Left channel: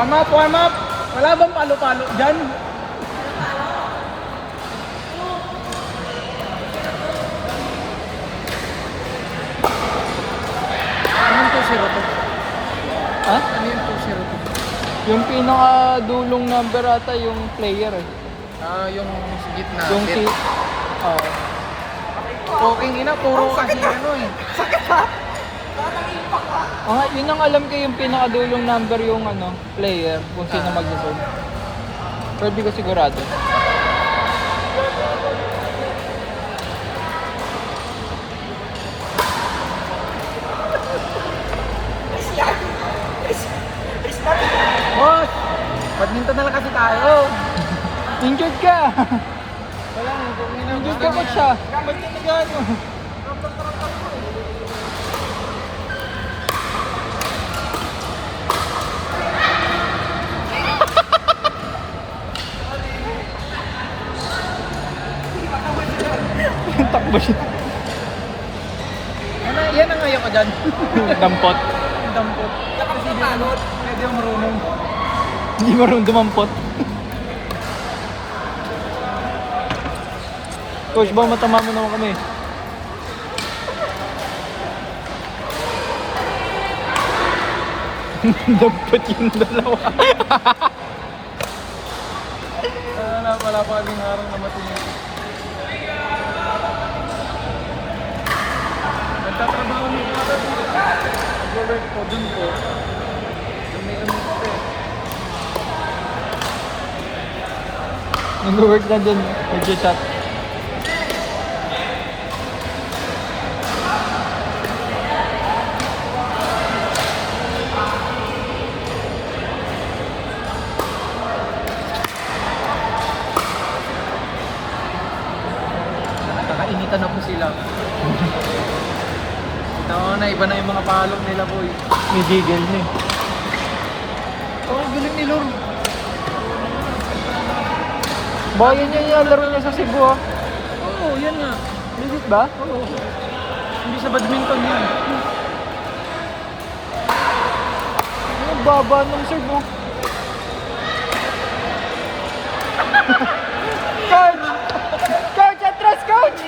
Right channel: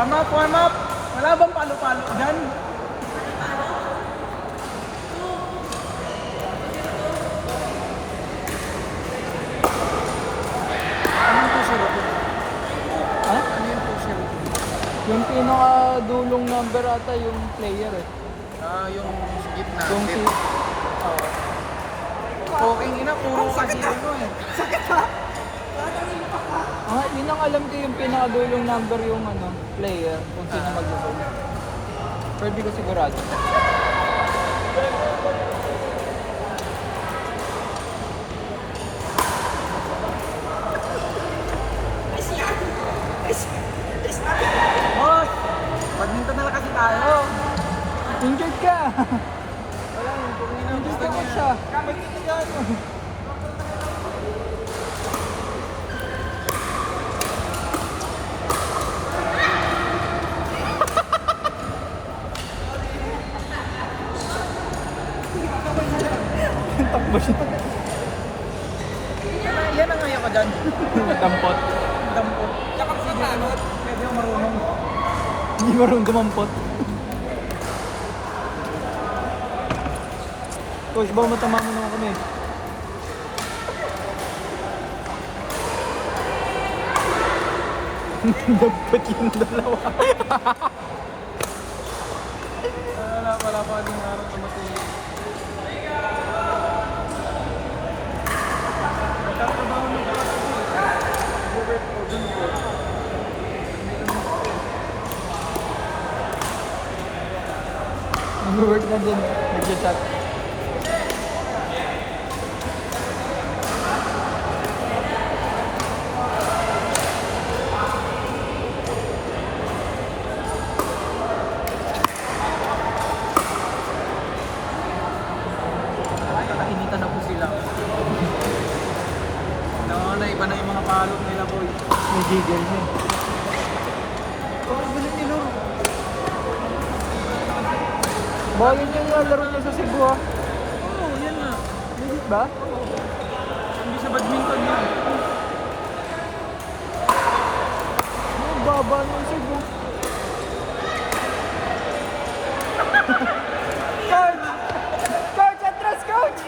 Warm up, warm up. Wala bang palo-palo dyan? Ano yung 2-0? Ha? Ano yung 2-0? Yung pinakadulong number ata yung player eh. Yung sa gitna. Yung si... Oh. Poking ina, puro kasi ano eh. Yun ang alam ko yung pinakadulong number yung ano, player, kung sino mag-serve. Pero di ko sigurado. Boss! Badminton na lang kasi tayo. Injured ka! Wala mo, poking ina. Injured ka pa siya. Takbo siya. Yan ang ngayon ko dyan. Dampot. Dampo. Kasi pagod. Medyo marunong. Hindi marunong dumampot. Coach, ba matama mo naman kami? Dampot yung dalawa. Wala pa din araw na matulog. Nag-work na din. Nag-shot. Initan ako sila. Iba na yung mga palok nila, boy. May digil na eh. Oh, galing nila. Ba, yun yung laro niya sa Cebu ah. Oo, yan na. Legit ba? Hindi sa badminton yan. Ang baba ng Cebu. Coach! Coach, atras, coach!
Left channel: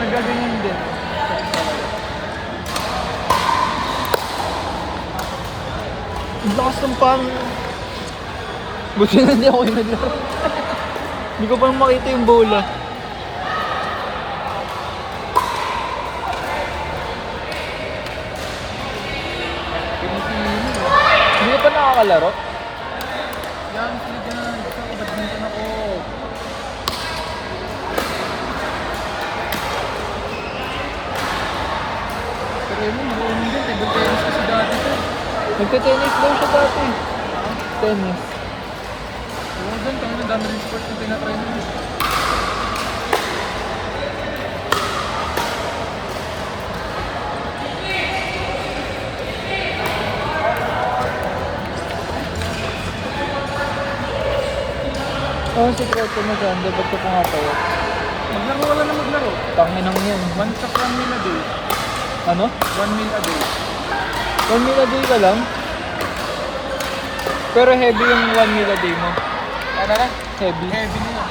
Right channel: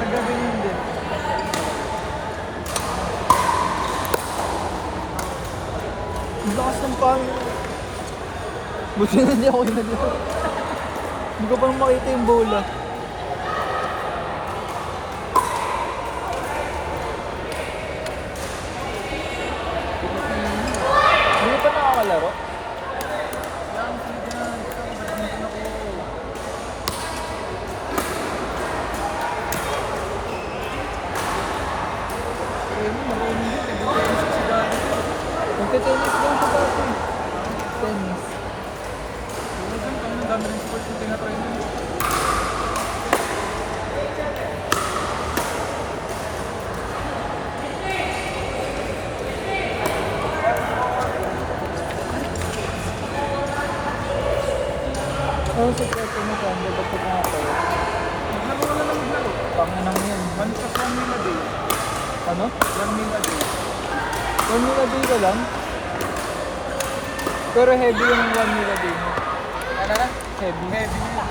Nagaganyan din. Ang lakas ng pang. Buti na hindi ako inaglaro. Hindi ko pa makita yung bola. Hindi pa nakakalaro? Yan, sige na. Badminton ako. Pero yun, marunong din. Table tennis kasi dati. Nagka-tennis daw siya dati. Tennis. Oo, dun, kaya na dami ng sports na tinatry mo. Oo, si coach mo dyan. Di ba't ko kumakayo? Maglaro, wala na maglaro. Tanginang yan. 1 meal a day. Ano? 1 meal a day. 1 meal a day ka lang? Pero heavy yung 1 meal a day mo. Ano na? Heavy. Heavy nila.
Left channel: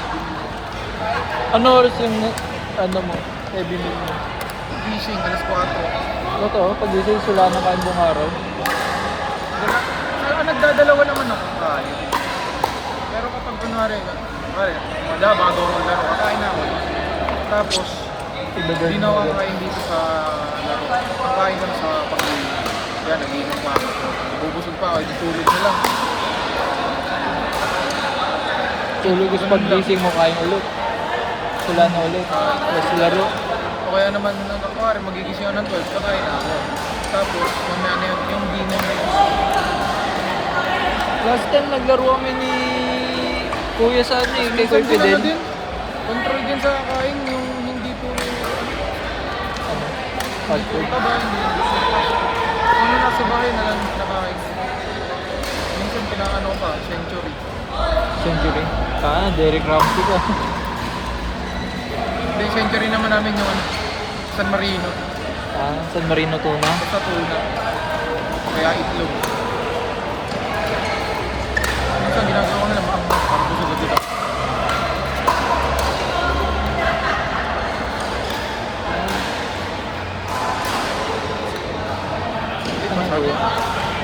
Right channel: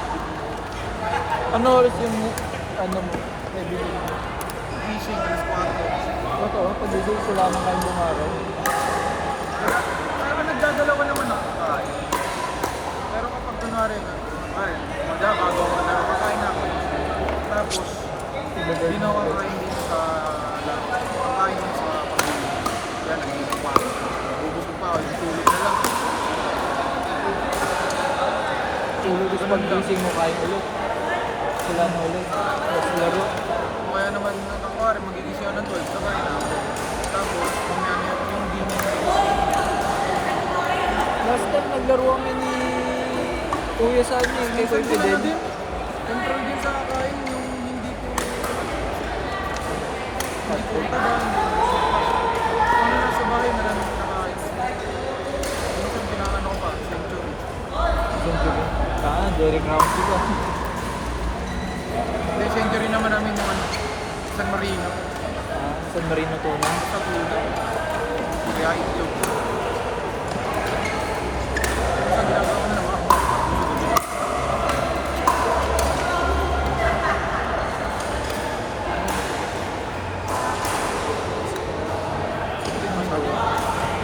Ano oras yung heavy meal mo? Fishing, alas 4. Ito, pag-isay sila na kain buong araw. Pero nagdadalawa naman ako. Pero pag kunwari, ay, bago ako kain ako. Tapos, hindi na ako kain dito sa kain lang sa yan, nag-iisip na. Bubusog pa ako, nagsulit na lang. Tulog is pag-gising mo kain ulit. Sila na ulit. Mas laro. O kaya naman, kunwari, magigising ako ng 12, pakain ako. Tapos, mamaya na yung dinner na. Last time naglaro kami ni Kuya sa ano eh, kay Kuya Fidel. Control din sa kain yung hindi ko Yung nasa buhay na lang nakain. Yung San Marino. San Marino tuna. Sa tuna. Kaya itlog. Minsan ginagawa ko na.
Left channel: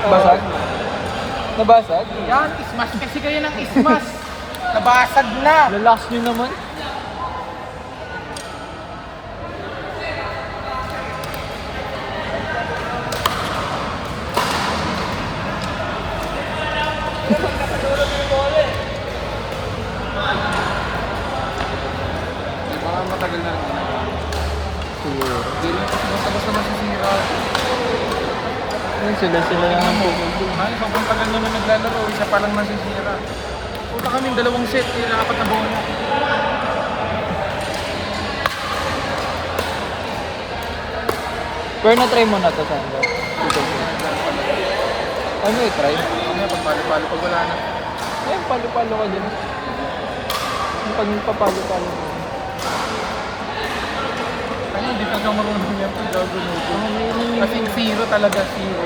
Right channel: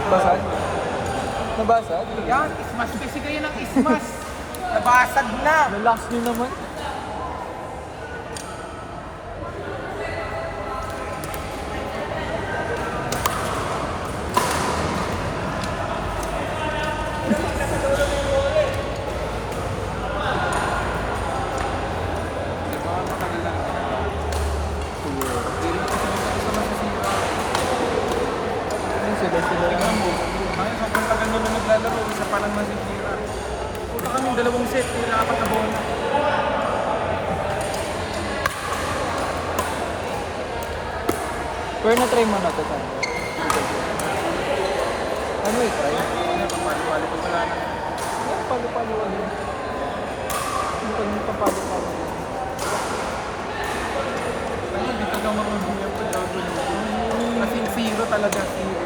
Basag? Nabasag? Yan, ismas kasi kayo ng ismas. Nabasag na. Relax nyo naman. Matagal na. Hindi naman kasi basta-basta nasisira. Ayun sila. Tingnan mo. Sobrang tagal na naglalaro, isa pa lang nasisira. Punta kami dalawang set, apat na buwan. Pero na-try mo na to sa ano yung try? Ano, pag palo-palo ko wala na. Ay, palo-palo ka din. Pag nagpapalo-palo. Ay, hindi pa ka marunong yan kung daw kasi zero talaga, zero.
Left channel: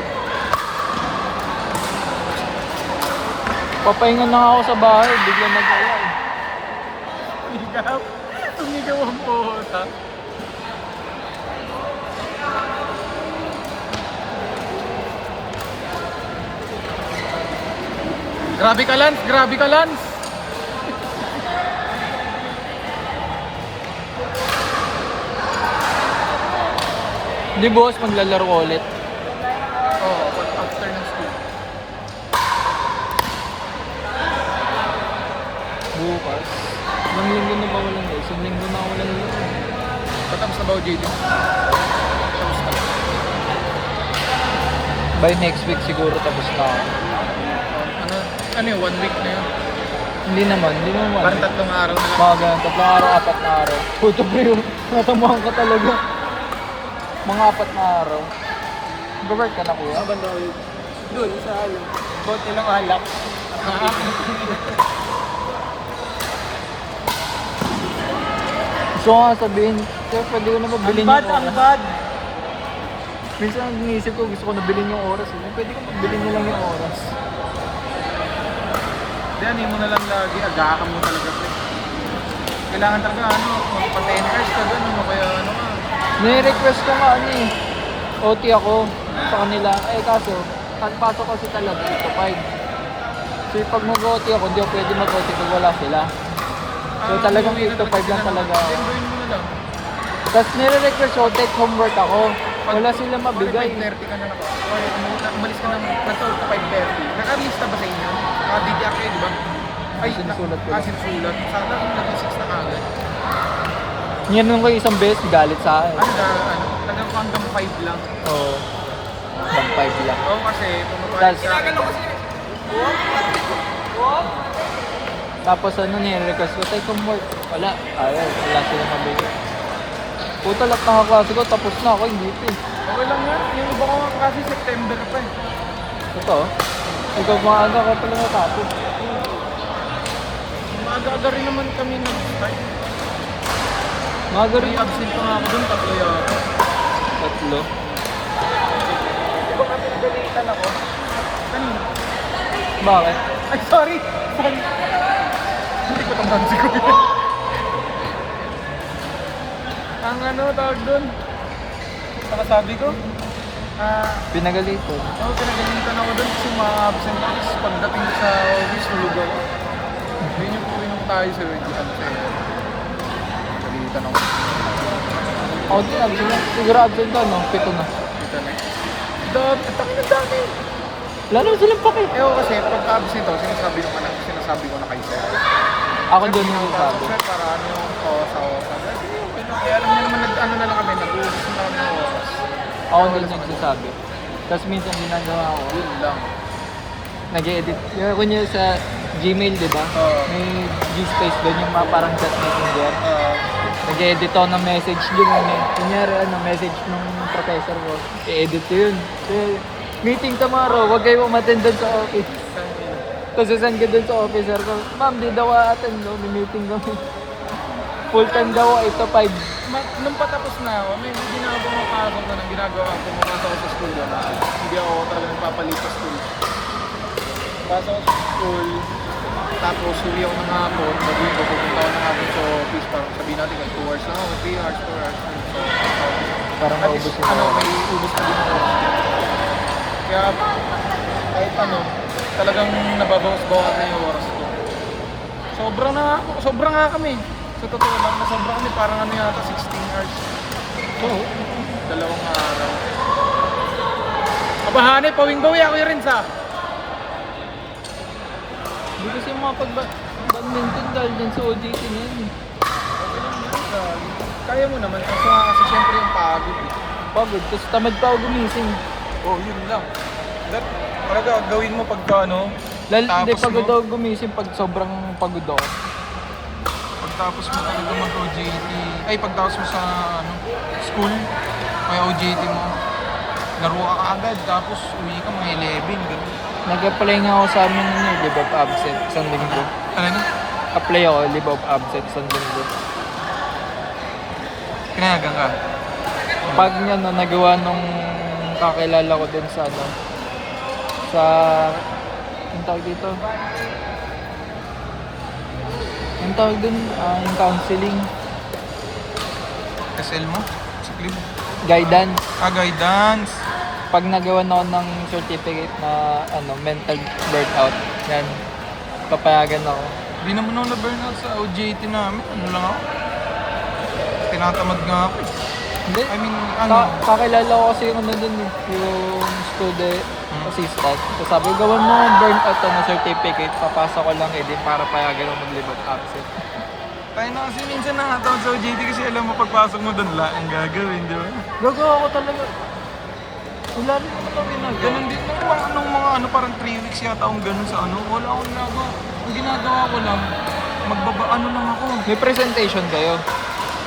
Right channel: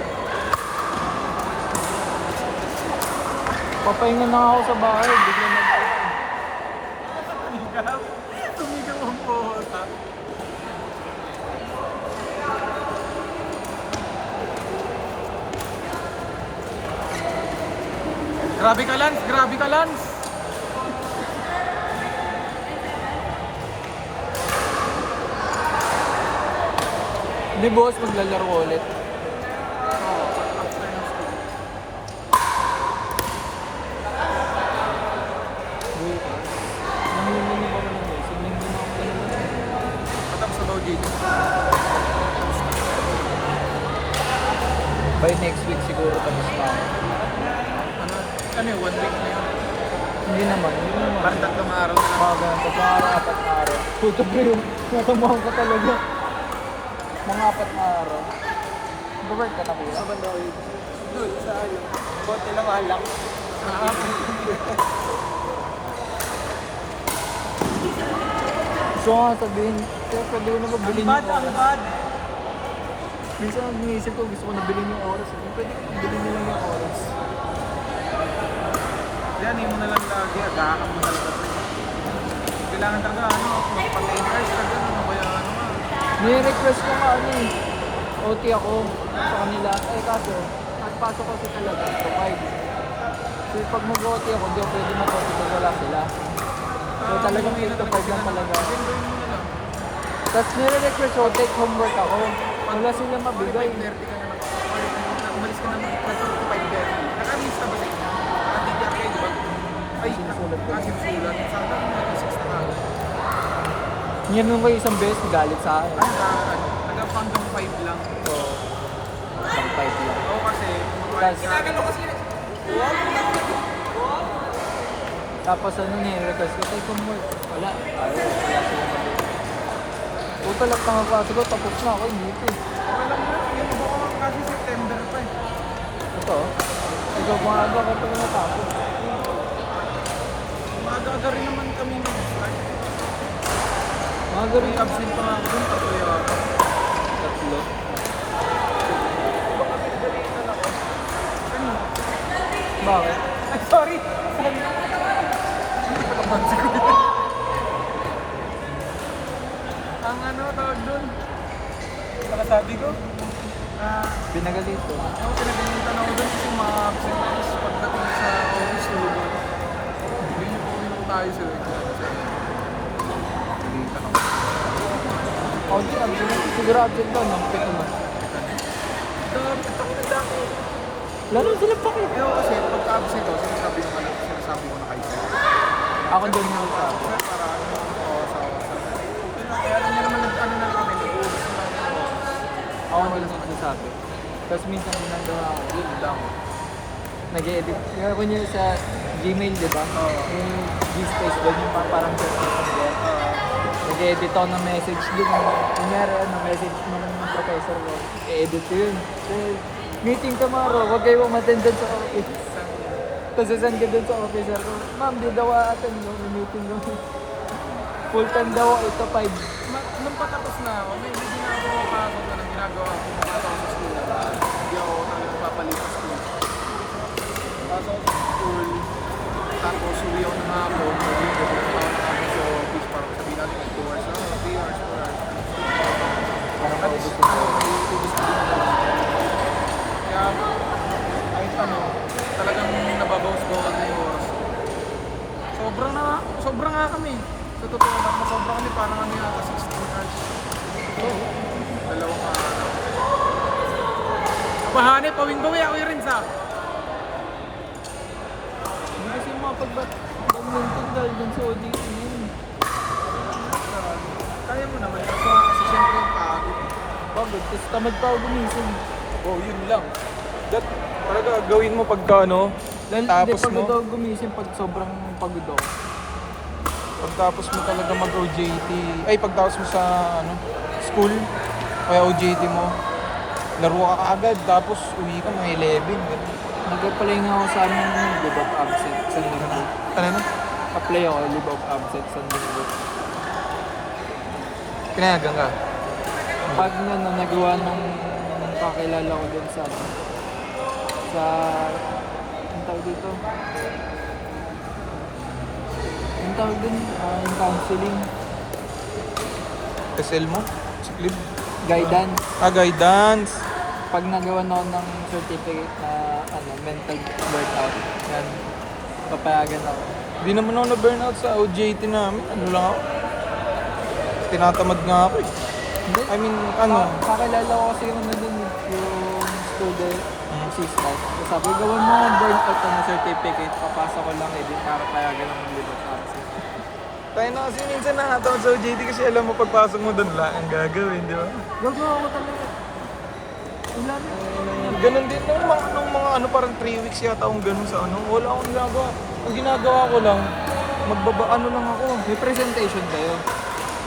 Papahinga na ako sa bahay, bigla nag-alam. Tumigaw ang puta. Grabe ka, Lance! Grabe ka, Lance! Hindi boss, maglalaro ko ulit. Oh, after ng school. Bukas. Ang linggo na ba yun? Isang linggo na ako lang yun. Ito ang sabaw dito. By next week siguro tapos na. Ano yun? 1 week na yun. Hindi naman. Parang 3 araw na lang. Mga ganun, tatlong araw, 4 na araw. Puto bro yun, natamahan ka talaga. Mga 4 na araw. Nag-work ka na kuya? Doon, sa kalo. Konti lang alak. Gusto ko nga sabihin, kaya pwede ko na ba bilhin Bad, ang bad. Minsan ang iniisip ko, gusto ko na bilhin yung oras. Pwede ko bilhin mo lang yung oras. Yan, mo na lang lagi. Agahan mo talaga. Kailangan talaga, ano, pag 10 hours ka doon, mo kaya, Nai-request ko nga ano eh. OT ako sa kanila. Eh kaso, pasok kasi talaga. 5. So pag mag-OT ako, hindi ako pwede mag-OT kung wala sila. So talagang 8 to 5 lang talaga. then gawin mo na lang. Tapos nire-request ko, take homework ako. Wala sila mabigay. 5:30 ka na. Ay, umalis ka ng 5:30. Nakalista ba sa inyo? Nakadidya kayo, di ba? Ay, Sinusulat ko. sinusulat. Sana ako nag-6 na kagad. Yan nung kayo isang beses, galit sa akin. Hanggang 5 lang. So, hanggang 5 lang. Oo, kasi Tapos, tapos ano nire-request ko, take homework. Wala. Wala sila mabigay. Puta lang nakakasi ko, tapos na ako, hindi pa. okay lang yan. Yung iba ko kasi September pa eh. Ito, ikaw maaga ka pala natapos. Maaga rin naman kami ng Maaga rin yung absent pa nga ako doon. Tatlo yata. tatlo. Baka pinagalitan ako. Ano? Bakit? Ay, sorry. Sorry. Ang dansi ko din. Ang ano, tawag doon. Nakasabi ko. Pinagalito. Pinagalitan ako doon kasi mga absent is pagdating sa office lugar. Pinagalitan ko tayo sa week. Pinagalitan ako. O di, absent. Siguro absent ka, no? 7 na. Dami. Wala naman silang pake. Ewan kasi, pag absent ako, sinasabi ko na kayo sa'yo. Ako doon mo sa akin. Sir, para ano, kawasawa. Kaya alam niyo naman, ano na lang kami, nag-uudis na lang ng boses. Ako na lang nagsasabi. Tapos minsan ginagawa ko, Yun lang. nag-edit. Yung kunya sa Gmail, di ba? May G-space doon yung parang chat doon. Nag-edit ako ng message doon. Kunyari, message ng professor ko. I-edit ko yun. Meeting tomorrow, huwag kayo umattend doon sa office. Tapos sasend ka doon sa officer ko. Ma'am, di daw attend no? May meeting daw. Full time daw, 8 to 5. nung patapos na ako, may hindi na ako nakakasal na ginagawa ko makasal sa school. Hindi ako nagpapalit sa school. Pasok ako sa school, tapos uwi ako na ako, mag-ibo ko na nakabot sa office, tapos sabihin natin 2 hours na, 3 hours, 4 hours. At least, may ubus na din ako. Kaya, kahit talagang nababawas ko ako ng oras. Sobra nga kami. Sa totoo lang, sobra kami. Parang kami yata 16 hours. Oo. Dalawang araw. Kabahanay, pawing-bawi ako rin sa. Hindi kasi makapag-badminton dahil dun sa OJT na yun. Kaya mo naman. Kasi syempre yung pagod. Pagod, tapos tamad pa ako gumising. Oh, yun lang. Talaga gawin mo pagka tapos Hindi mo. pagod ako gumising pag sobrang pagod ako. Pagtapos mo talaga mag-OJT, pagtapos mo sa school, kaya OJT mo, laro ka kaagad, tapos uwi ka mga 11, gano'n. Nag-apply nga ako sa amin ng leave of absent isang linggo. Ano na? Apply ako, leave of absent isang linggo. Kinayagan ka? Pag niya nagawa nung kakilala ko din sa ang tawag dito? Yung tawag dun, yung counseling, SL mo? Si Clip? guidance. Guidance. Pag nagawa na ako ng certificate na mental burnout, yan, papayagan ako. Hindi naman ako na-burnout sa OJT namin. Ano lang ako? Tinatamad nga ako eh. Hindi. I mean, Kakilala ko kasi yung dun, yung student assistant. So sabi, gawan mo yung burnout certificate, papasa ko lang din para payagan ng leave of absent. Tayo na kasi minsan nakatamad sa OJT kasi alam mo pagpasok mo doon lang ang gagawin, di ba? Gagawa ko talaga. Wala na. Ganun din nung mga parang 3 weeks yata akong ganun sa wala akong ginagawa. Ang ginagawa ko lang, lang ako. May presentation kayo.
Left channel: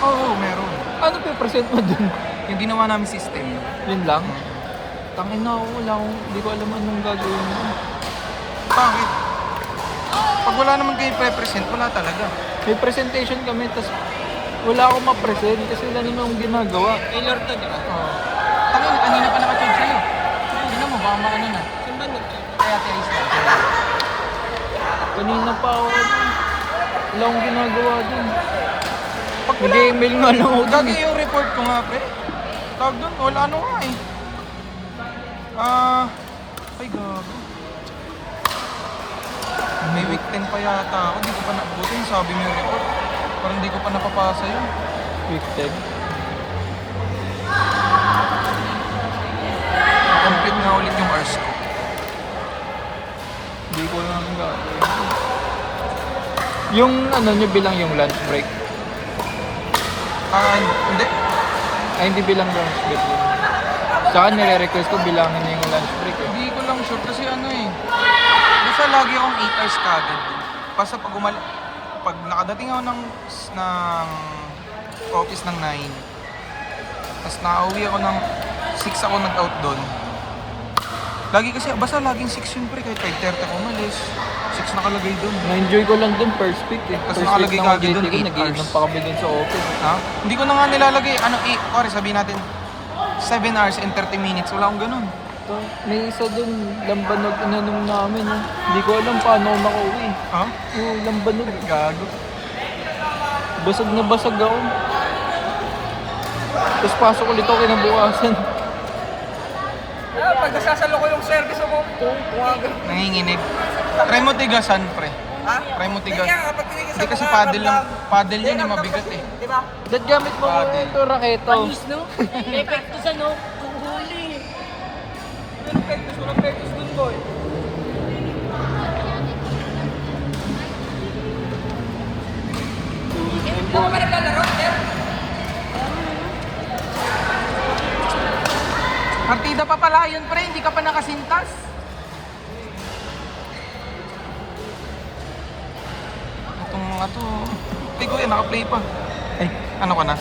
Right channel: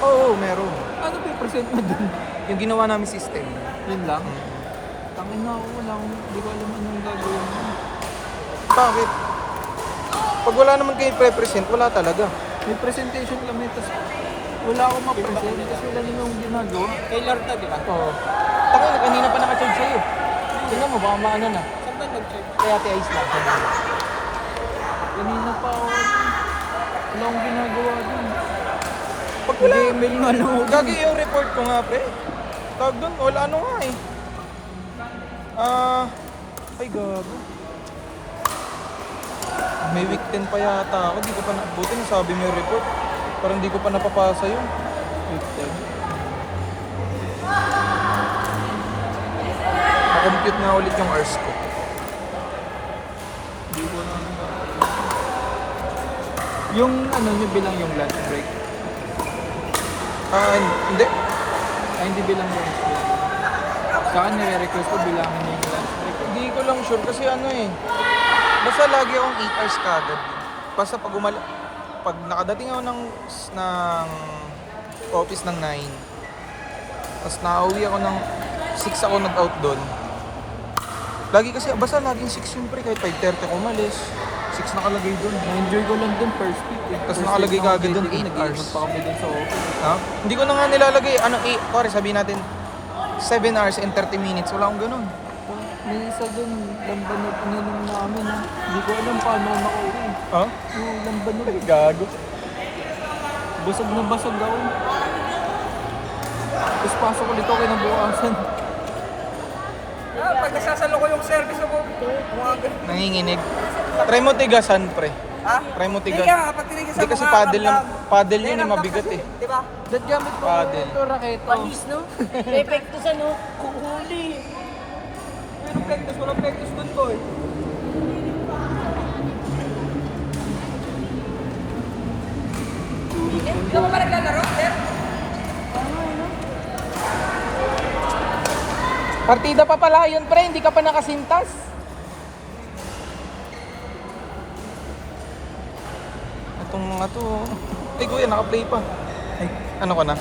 Oo, meron. Ano present mo dun? Yung ginawa namin system. Yun lang? Tangin na ako, hindi ko alam anong gagawin mo. Bakit? Pag wala naman kayo pre-present, wala talaga. May presentation kami, tapos wala akong ma-present kasi ganun ang ginagawa. Taylor to, di ba? Oo. Tangin, kanina pa naka-charge sa'yo. Tingnan mo, baka maano na. Saan ba nag-check? Kaya ate Ice lang. Kanina pa ako. Wala akong ginagawa dun. Pag wala, Nag-email nga lang ako dun. gagi yung report ko nga, pre. Tawag doon, wala nga eh. Ay gago. May week 10 pa yata ako, di ko pa buti nasabi mo yung report. Parang di ko pa napapasa yun. Week 10. Makompute na ulit yung hours ko. Hindi ko lang yung nyo bilang yung lunch break. Hindi. Ay, hindi bilang lunch break. Saka nire-request ko bilangin niya yung lunch break. Hindi ko lang sure kasi basta lagi akong 8 hours kagad. Basta pag nakadating ako ng office ng 9, tapos nakauwi ako ng 6 ako nag-out doon. Lagi kasi, basta laging 6 yun pre, kahit 5:30 ako umalis. 6 nakalagay doon. Na-enjoy ko lang dun first week eh. Tapos First nakalagay week ka ng agad dun, OJT ko, 8 hours. nag-iinom pa kami dun sa office. Ha? Hindi ko na nga nilalagay. Pare, sabihin natin, 7 hours and 30 minutes. Wala akong ganun. May isa dun, lambanog inanong namin. Hindi ko alam paano ako nakauwi. Ha? Yung lambanog. Gago. Basag na basag ako. Tapos pasok ulit ako kinabukasan. Pag nasasalo ko yung service ako, Nanginginig. Try mo tigasan, pre. Try mo tigas. kapag tinigil Hindi kasi paddle yan, mabigat eh. di ba? Dad gamit mo Paddle. ito raketo. Panis, no? Epekto sa no, kuhuli. Walang pektos, walang pektos dun ko eh. Partida pa pala yun, pre. Hindi ka pa nakasintas. Itong mga to. Ay, kuya, naka-play pa. Ay, ano ka na?